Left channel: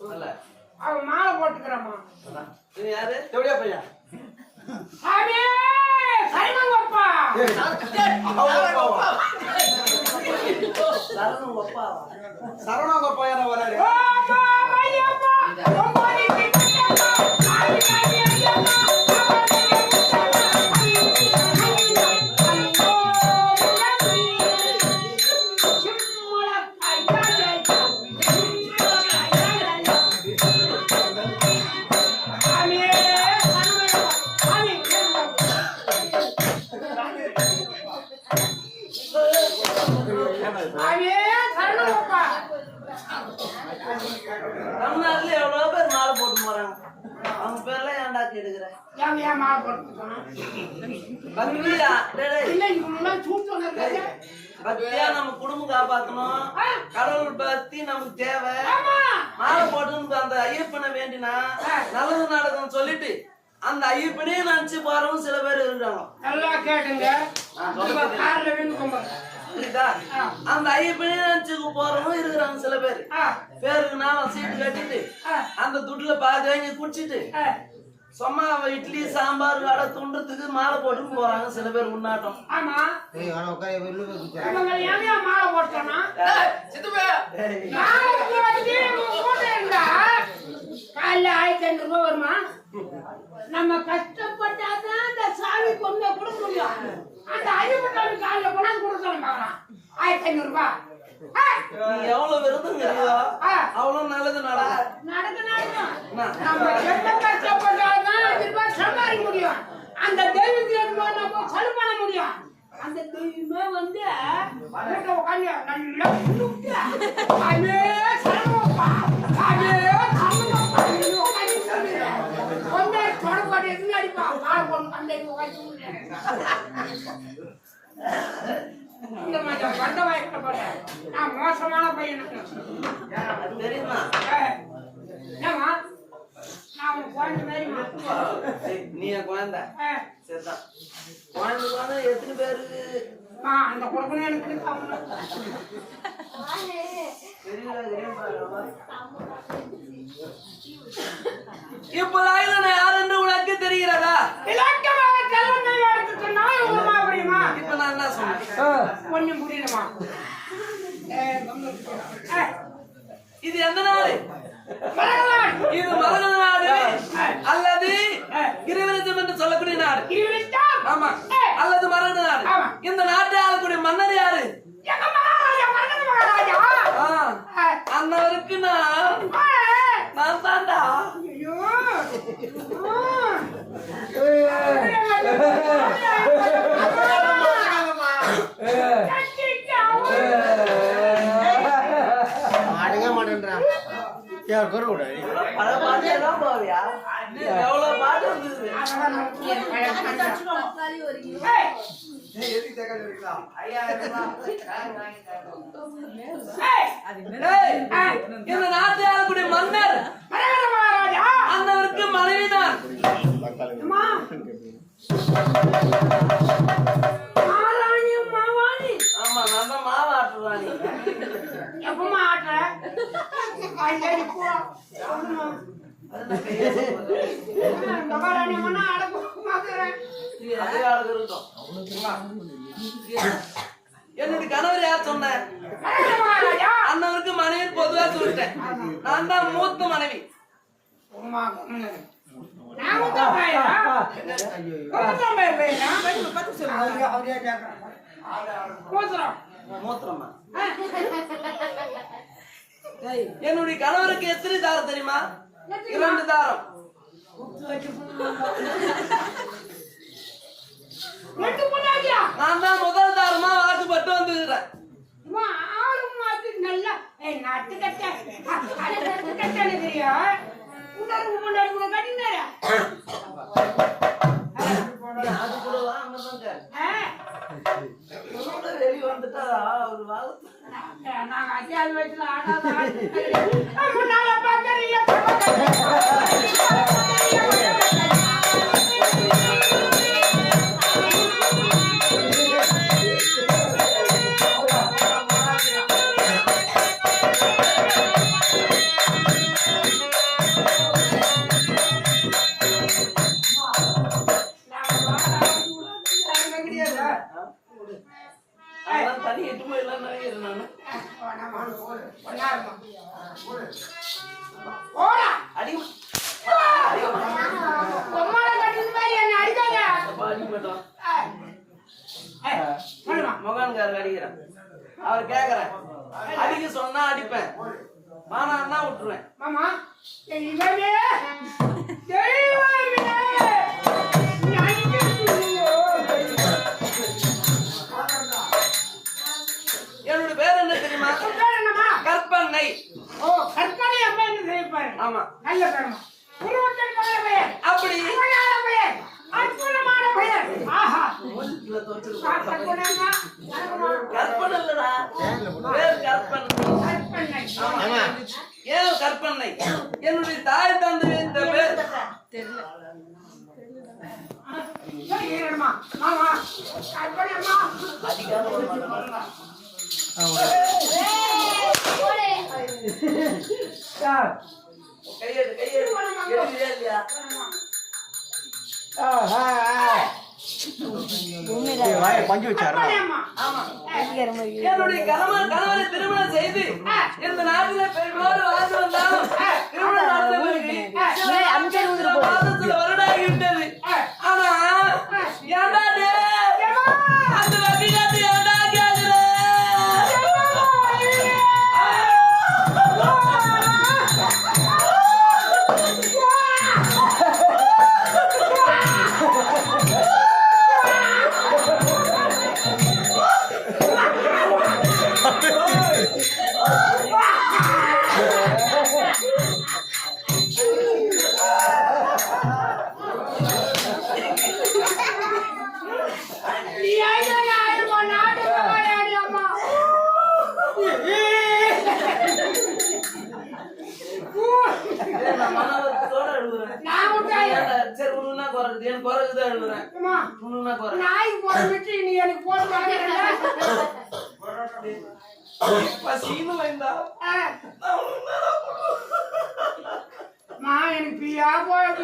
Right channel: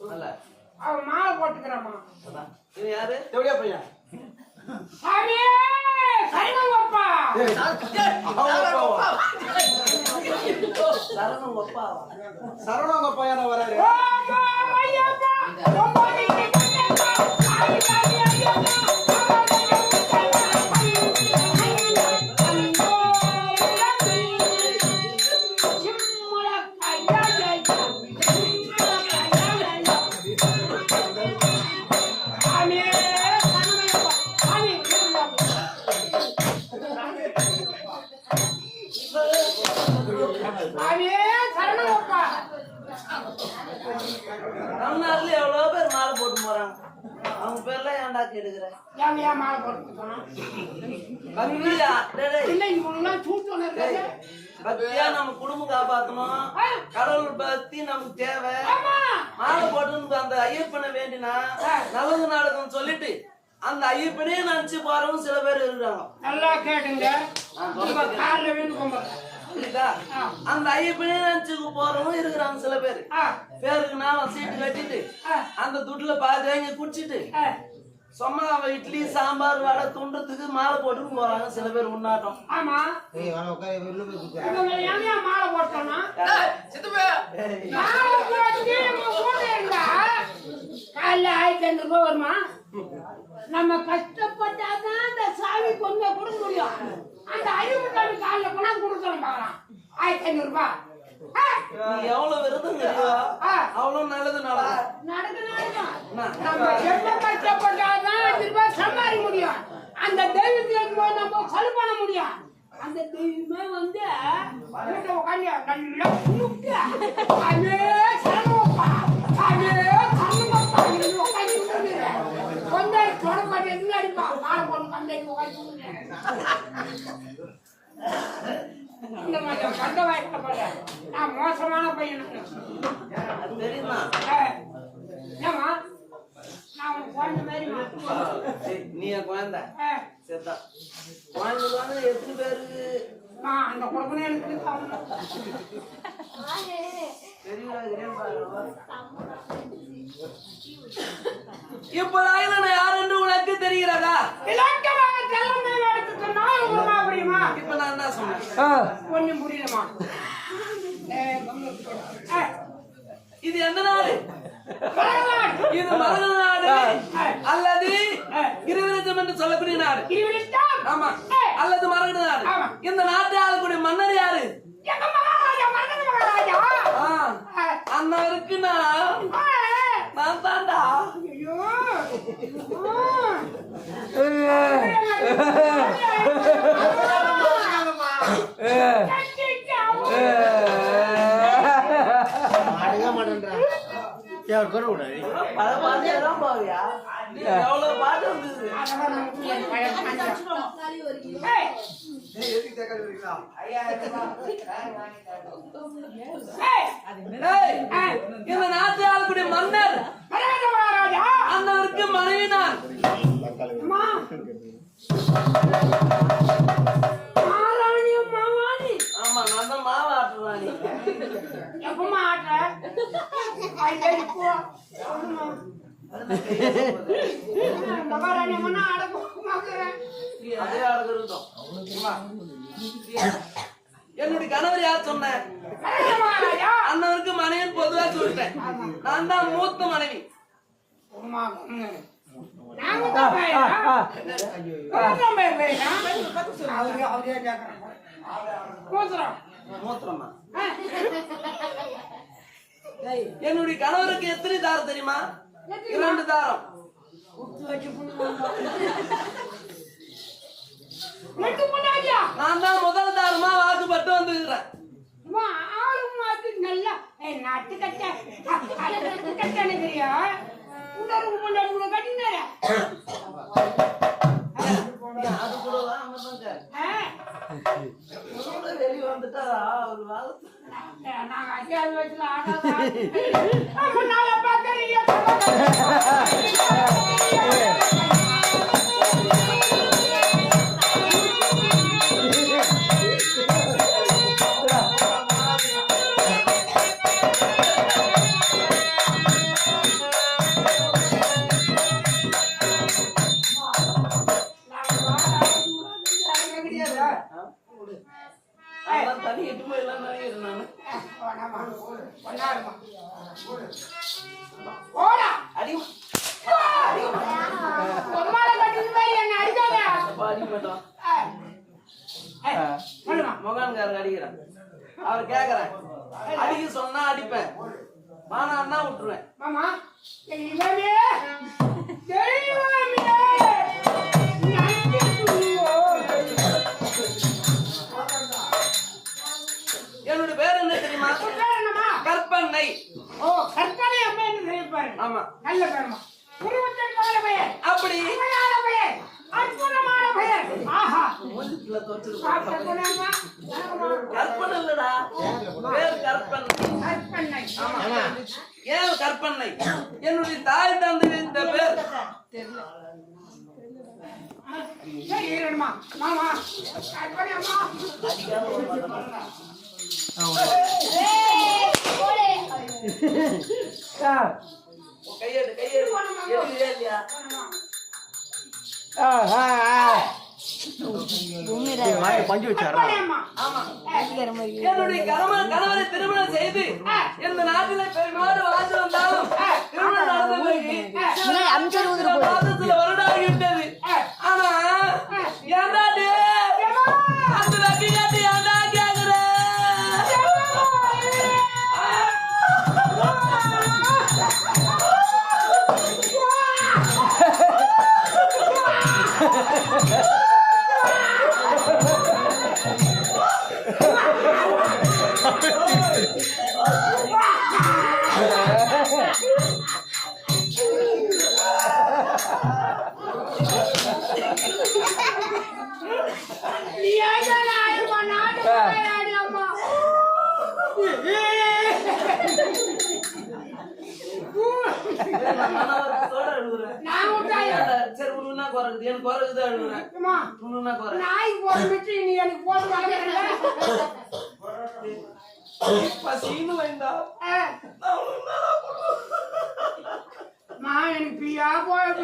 அல்ல அவன் மாலை போட்டுக்கிறாமா யாரு எப்படியா பையா சாமி சரணங்கப்பா சரணம் ஒப்பாவா சரவணங்க பையன வராரு. ஓ பக்தியா நம்ம குடும்பம் காப்பாத்தணும். கடவுள் பக்தி நமக்கு தேவை. மாலை போட்டு அந்த ஐயப்பனை வேண்டினா நல்லது நடக்கும்னு சொல்லிட்டு அந்த ஐயப்பனே நினைச்சு போறவங்க சில பேர் இருக்காங்க. நல்லா கேட்டுங்க. நான் புரியுதா? அந்த ஐயப்பனே நினைச்சு போறவங்க இருக்கிறாங்க சில பேர். பேருக்கு நானும் சீட்டு கட்டிட்டு அந்த துட்டுல பாதி வாங்கி குடிச்சிட்டு சும்மா அவ இட்லி சாம்பார் வடை துண்டுறதுக்கு மாலை போட்டுன்னு போறாங்க சில பேர் உண்ணாட்டம். ஆமா. மாலை போட்டோம்னா? காலைல ஆயிரத்தி ஐநூறு ரூபாய் வருமா? நம்ம கஷ்டப்பட்டாதான் அந்த சாமி கொண்டு கொடுக்க முடியும். அந்த ஐநூறு சாமி காலைல கொண்டாந்து கொடுக்க பார்க்கலாம். ஆயிரத்தி ஐநூறு ரூபாய். நீ எவ்வளவு விருதுங்கிறியோ. அவ்வளவு நல்லது நடக்கும் சம்பாதிக்க முடியும். அந்த தெய்வத்துக்கு நம்ம செலவு பண்ண முடியும்? அந்த தெய்வமே வந்து உட்காந்து கும்பிட்டு, அதே கும்பிடு. கொண்டாடி தொடப்பாடு அடிப்பா? மாலை இந்த மாதிரி பண்ட வாய்க்க போறேன். நான் மோசமான பையனுக்கு அது தெரியுமா? ஏய், என்னம்மா? நான் குழந்தை. ஏய், நீ என் குழந்தை. சரிதான். குழந்தை குழந்தை எத்தனை பேருக்கு அந்த குடும்பம் எனக்கு இருக்கு, அவங்க. தெரியல தெரியும் பாருங்க இப்ப நான் யார் என்று உனக்கு தெரிகிறதா? ஏய், ஏய், இது எந்த நாடு? மலர்களான். இது மரக நாடு அல்லது கிரிவலத்தம் என்று சொல்லக்கூடிய நாடு. ஆமா. அல்லது நாடு. ஆமா. இந்த நாட்டை ஆளக்கூடிய மன்னர் யாரு? அன்னவருக்கு நான். நான் தாண்டா. ஐயோ. வரீங்களா ஏய், ஏய், இந்த நாட்டை ஆளக்கூடிய மன்னர். மரகத மகாராஜா போ. மகாராணி என்னுடைய கணவர் யார் சொன்னேன். அண்ணவருக்கு மனைவி பொதுவா சொல்லிட்டேன் நான் தான் மூத்த மனைவி. மூத்திரமா. என்னுடைய கணவருக்கு எத்தனை தாரம் தெரியுமா இரண்டு தாரம்? நான் தான் முதல் தாரமா வாக்குப்பட்டு வந்துக்கிறேன் நல்லா. ஏய், நட்டுக்கட்ட. அட, நட்டுக்கட்டன்னு தெரியா? இன்னொரு பொண்டாட்டி கூட கட்டினாரா? ஒரு வாழத்து நாங்க- அஞ்சாவது வயசுல ஆடாத ஆடு. முன்னால பார்க்கறீங்க, தனி எட்டு போயிடலாம் நினைக்கிறேன் நானு. வேணாமா? ஒண்ணாருமா? போடா. அடிக்க பொம்மால கட்டின மாதிரி என்ன அடிக்காத அடிக்க மாட்டோம் ஏய். ஏய், சொல்லுமா முகான்காரர் அடிக்கிறேன். அவர் கேக்குறேன் அடிக்க சொன்னா அடிப்பேன். மானா விட்டுருவேன். பேர் என்ன தெரியுமா? உன் பேர் என்னம்மா? கற்பனை. ஓ கற்பனை அம்மா என்று செய்யப்பாரு ஆமா. நல்ல பேருமா. உருவத்தின் நல்ல பெயர். அப்படி. அழகான பெயர். அற்புதமான பெயர். ஆஹா. குணமா வணக்கம்மா. கற்பனை இல்லடா. பேர் கற்பனை? கற்பனை? ஆமா. ஏன் கற்பனை? என்னுடைய தாய் தந்தை இந்த பேர் இருமா. மாமா கற்பனை அம்மா. பஞ்சு வச்சாரா என்னுடைய கணவன் கணவரை திருமணம் செய்து இந்த நாட்டில பெருமாடு வாழ்ந்து வந்தாலும் திருமணம் நடந்த பிறகு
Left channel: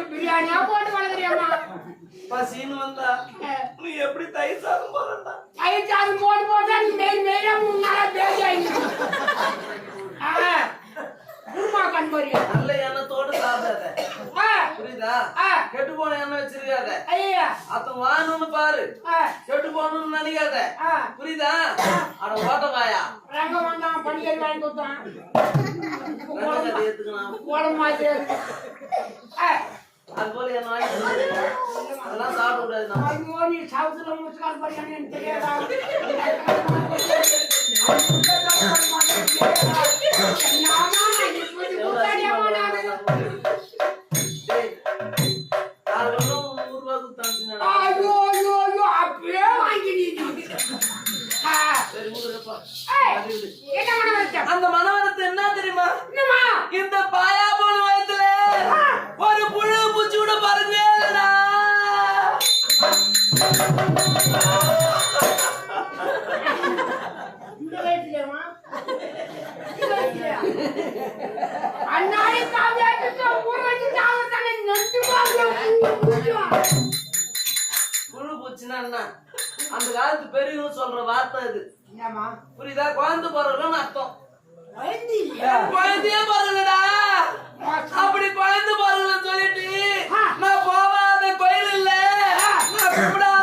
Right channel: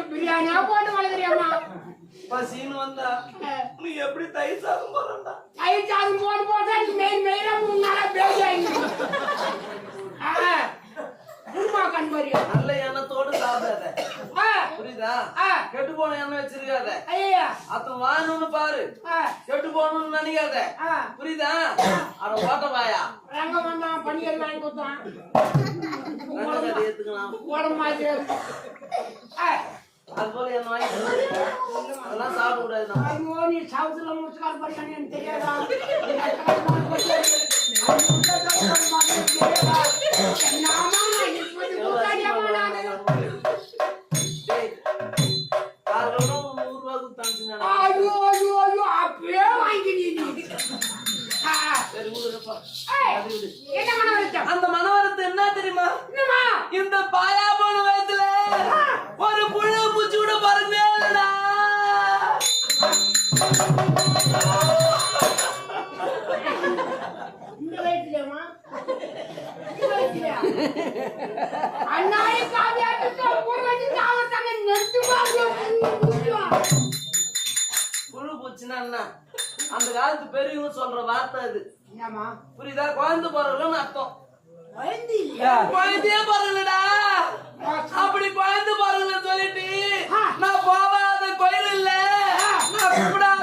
பிரியாணியா போட்டு வளர்க்குறியம்மா. பசின்னு வந்தா நீ எப்படி தயிர் சாதம் போறா தயிர் சாதம் போட்டு போட்டா நீ மெயின் மெயினா மூணு நாளா பேசி ஆயிடுச்சு குருமா கண்பரியா நல்ல எண்ணத்தோடு சாப்பிடாத. புரியுதா? கெட்டு போன எண்ணெய் வச்சிருக்காத. ஐயா அத்தன் வாங்கணும்னு பாரு. கெட்டு போகணும்னு நினைக்காத. புரியுதா? அட ஓட்ட வாயா ரங்க வந்தான் பணிகள் வாங்கி கொடுத்தான். ரெண்டு கதை ஏத்துக்கலாம் உடம்பு மாதிரி இருக்கு. ஆ, அது போல என்ன வாங்கி. அதெல்லாம் சாப்பிட கூடாது நம்ம நீ சவுத்துல முஸ்கால் பரியாணி எனக்கு தெரியாதா? தெரியாதா? புழு பூச்சின்னா என்ன? அந்த காலத்து பெரியவங்க சொல்ற வார்த்தை அது. புரியுதா? குழந்தை பிறகுன்னு அர்த்தம்? குழந்தையே பிறகுலடா அப்படி குழந்தை பிறகுல சொல்லிட்டு நான் போகாத கோயில் இல்ல நான்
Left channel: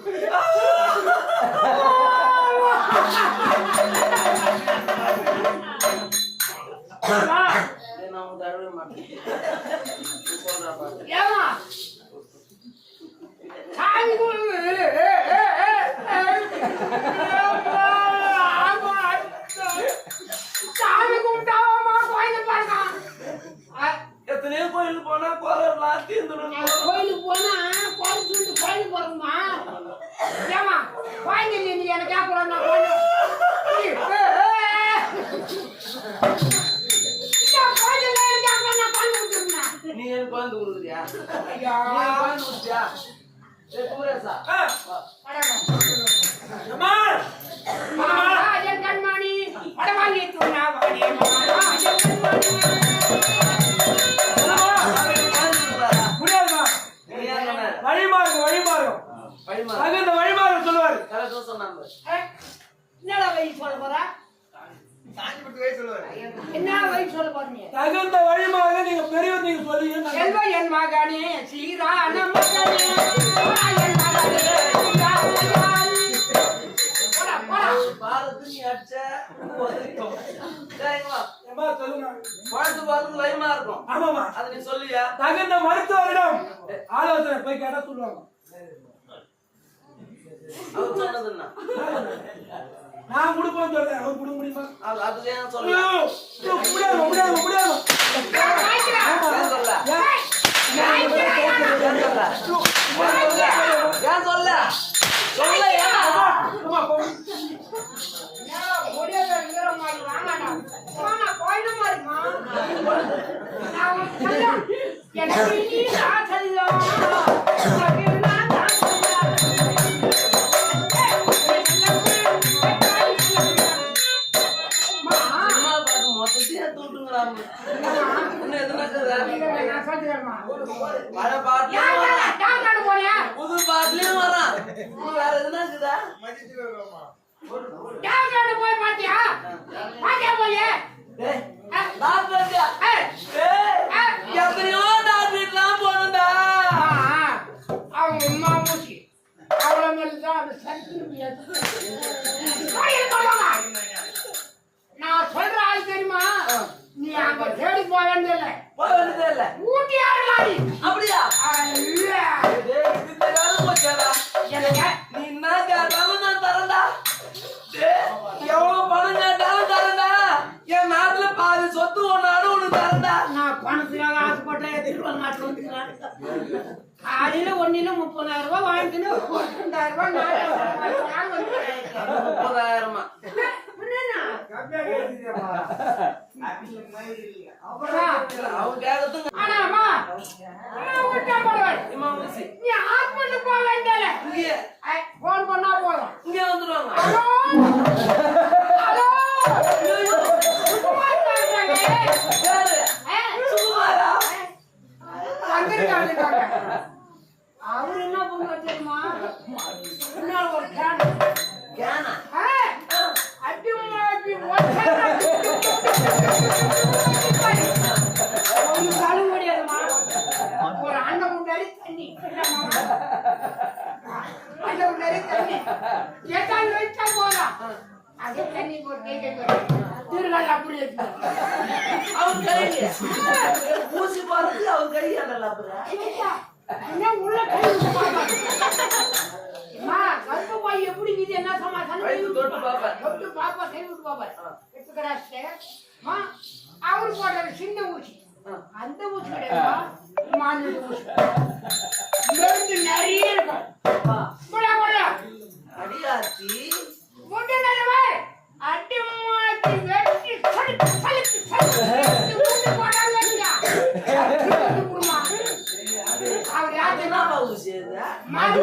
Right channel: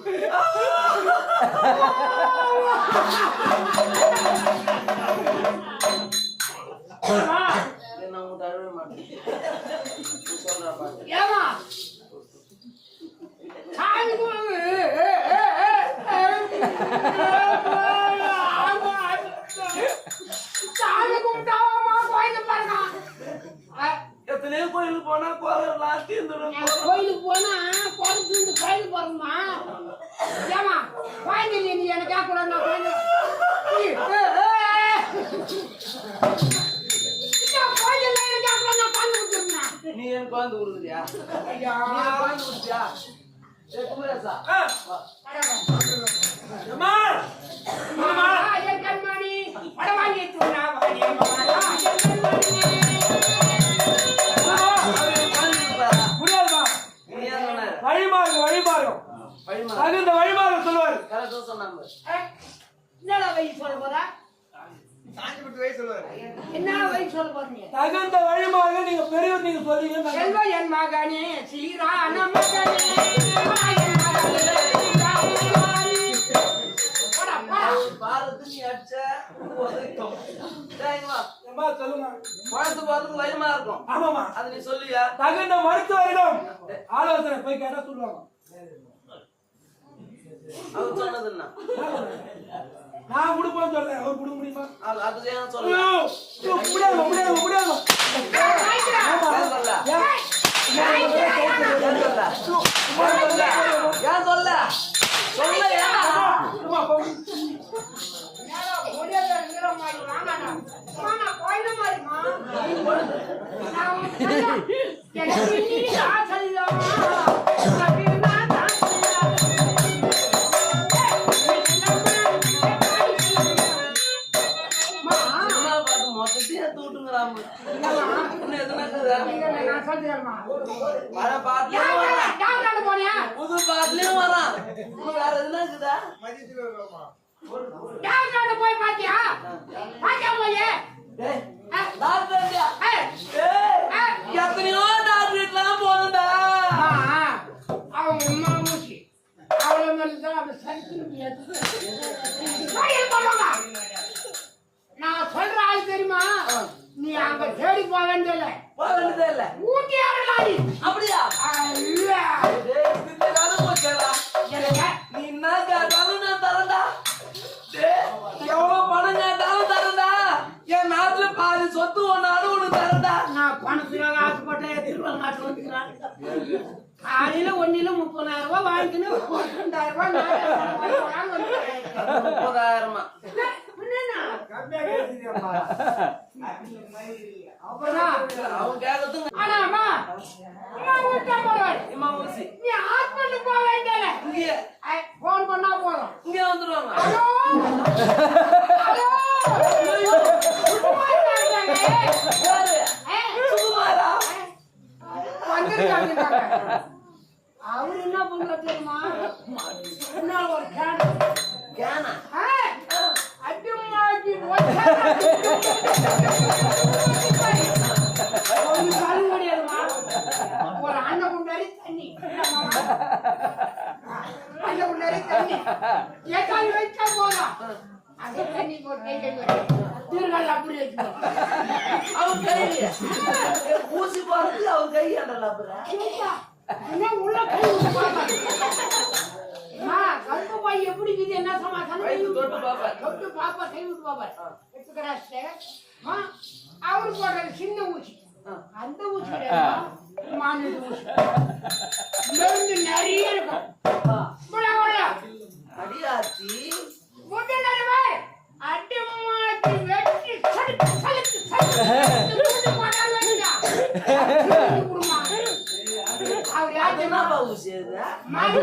குழந்தை குழந்தை நீ, எனக்கு கேட்கக்கூடாது நான் குழந்தை நீ எனக்கு குழந்தை கொடுக்குறியா. நீ எனக்கு குழந்தை கொடுத்தியா ஏய், குமரேசா கண்மணி வடவாங்கி தகுந்த வழிமாறும் சொல்லுவாரு. கரெக்டா சொன்னாங்க. என்னடா வயசு சொல்ல போற என்ன வயசு சொல்ல போறீங்க தகுந்த வழிமாக நீங்க பெரியவர் நீங்க சொல்றீங்க. நாங்க- செல்வ என் மகனே சீரா தகுந்த மருத்துவரிடம் ஆலோசனை போய் கேட்டா சொல்லுவாங்க. அவர் சொன்னது என்ன நான் கொடுப்பேன்னு சொல்றேன். அவர் கொடுக்க முடியுமா? அது அதுக்கு ஏன் ஐயோ, சொல்ல ஐயோ, முடியாது முடியாது முடியாது. ஏன்? சொல்ல சொல்ல ஏன்? தூட்டுங்கிறாம என்னம்மா? இன்னும் எதுனா இருக்குதா? இல்ல, நான் சொல்றேன்மா. பழைய பாட்டுலயும் வரான் புது பாட்டுலயும் வரான். வேற எதுனா இருக்குதா டாக்டர் போய் பாத்தியா? பாத்தியா போய் எத்தனையோ டாக்டர் அவங்க மூச்சு. மேல தான். கோயில் சொல்லுங்க. நான் சொல்ற ஆள் தெரியுமா நீ அங்க தேடி போக வேண்டியதில்ல போக வேண்டியதே இல்ல ஊட்டி ஆடுறாடி அப்படியா டேய், இது தெரியாத போச்சேடா. நீ என்ன கேட்டாலும் நான் தரேன்டா. எவ்வளவு பணம் கேட்டாலும் தரேன்டா. என் நாட்டுல பாதி சொத்து ஒன்னாலும் உனக்கு தரேன்டா. நான் பணத்துக்காக ஆசைப்பட்டேன் வர மாட்டேன் வந்துக்கிறான். காலையில முப்பதாயிரம் ரூபாய் வாங்கிக்கணும் ரெண்டாயிரம் ரூபாய் நாலாயிரம் ரூபாய் வாங்கி வந்துக்கிறேன். அது முப்பதாயிரமா. போன் பண்ணா போதும். இங்கேயே வந்துருவாங்க. அவர் என்ன பண்ணுவார் தெரியுமா ஒரு கேன். கேனா? முன்னாடி தண்ணி தண்ணி எட்டாவது வச்சா போதும் அது தண்ணி போட்டு கை அப்படி வச்சு கையில. ஊசி அப்புறம். உள்ள கை கருப்பு பாய் எப்படி இது என்ன தொட்டு தொட்டு பாப்பா கை விட்டு அவரு போடுற சின்ன ஊசி அந்த ஊசி மாநில ஊசி. மருந்து நிறைய இருக்கும் முடா, முடா. அடியாச்சி. அடி மாட்டி வெட்டி சலித்து சலித்து சலித்து அது என்னப்பா ஊசி அது? மாடு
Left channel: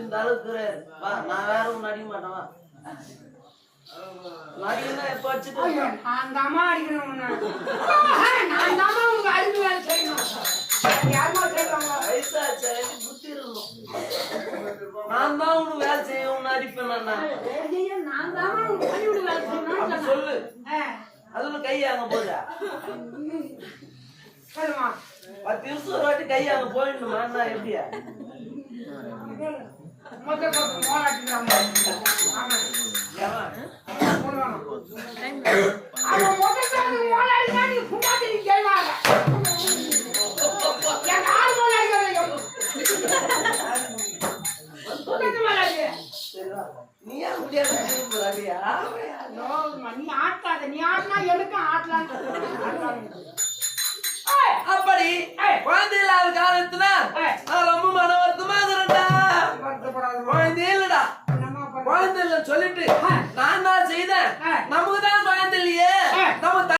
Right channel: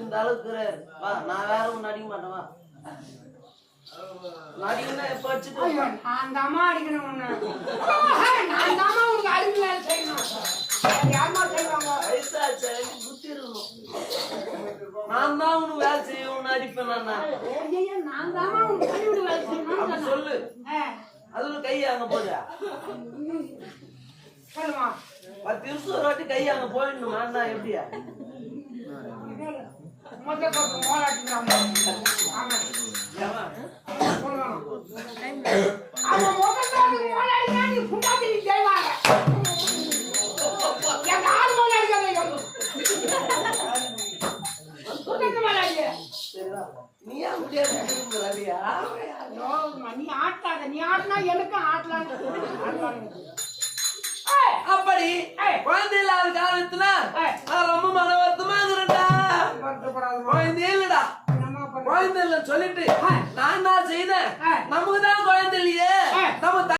இந்த அளவுக்கு. வா, நான் வேற ஒண்ணு அடிக்க மாட்டேன், வா. நடிகன்னா எப்ப அடிச்சுட்டு ஐயோ, நான் தாம்மா அடிக்கணும். நான் தாம்மா உங்க அறிவு வேலை செய்யணும். வேற யாரும்மா செய்வாங்க? வயசாச்சு, புத்தி இருக்கணும். நான் தான் உனக்கு வேலை செய்யணும்னு அடிப்பேன் நான் ஐயையோ, நான் தாம்மா உங்க பள்ளிக்கூட வேலை செய்யணும்னு. சொல்லு அதுல கை அங்க போதா சொல்லுமா. பத்து நிமிஷம் ஒரு வாட்டி கை அங்க போயிடணுமா என்ன எப்படியா நீ ஆட்டாத. நீ ஆட்டினா எனக்கும் ஆட்டலான்னு அப்படி குழந்தை இல்லாத காலத்துல ரொம்ப மன வருத்தமா இருந்தா குழந்தை இல்லடா? குழந்தை இல்லைன்னு சொல்லிட்டு. நான் தான் செய்தேன். நமக்கு தான் குழந்தை இல்லையே நம்ம